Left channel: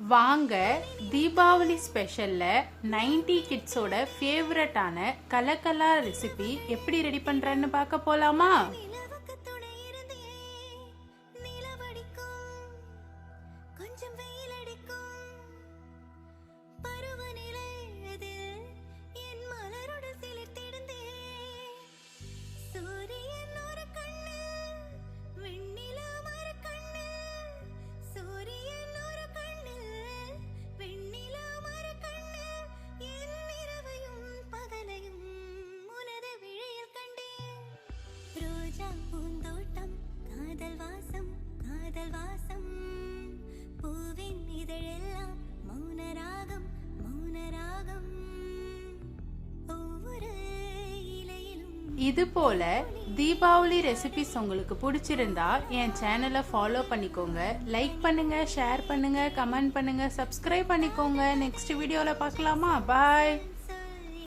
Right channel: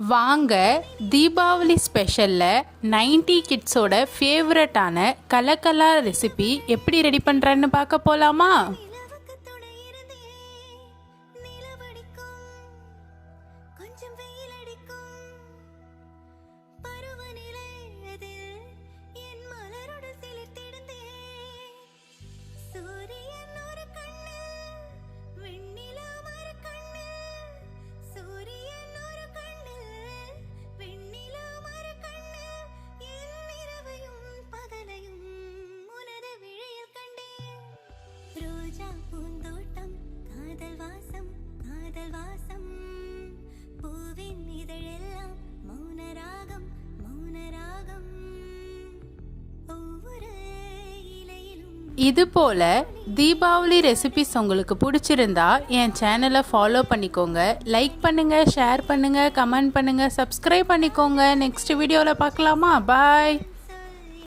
வாங்க தீபாவளி ஸ்பெஷலில் 90 கிட்ஸோட ஃபேவரட்டான கலக்கலா ரெசிபி எப்படி ரெடி பண்ணுறேன்னு பார்க்க போகலாமா? பூந்தோட்டம் காதல் வாசம் காதல் வாசம் பூவின் இதழெல்லாம் மௌனராகம் மௌனராகம் ஒவ்வொரு இலையிலும். இது போல தீபாவளி ரெசிபிஸ் உங்களுக்கு பிடிச்சிருந்தா என் சேனலை ஃபாலோ பண்ணிக்கோங்க, லைக் பண்ணுங்க, ஷேர் பண்ணுங்க, கமெண்ட் பண்ணுங்க, சப்ஸ்கிரைப் பண்ணிக்கோங்க. நெக்ஸ்ட் வீடியோவில் பார்க்கலாமா? பாய்.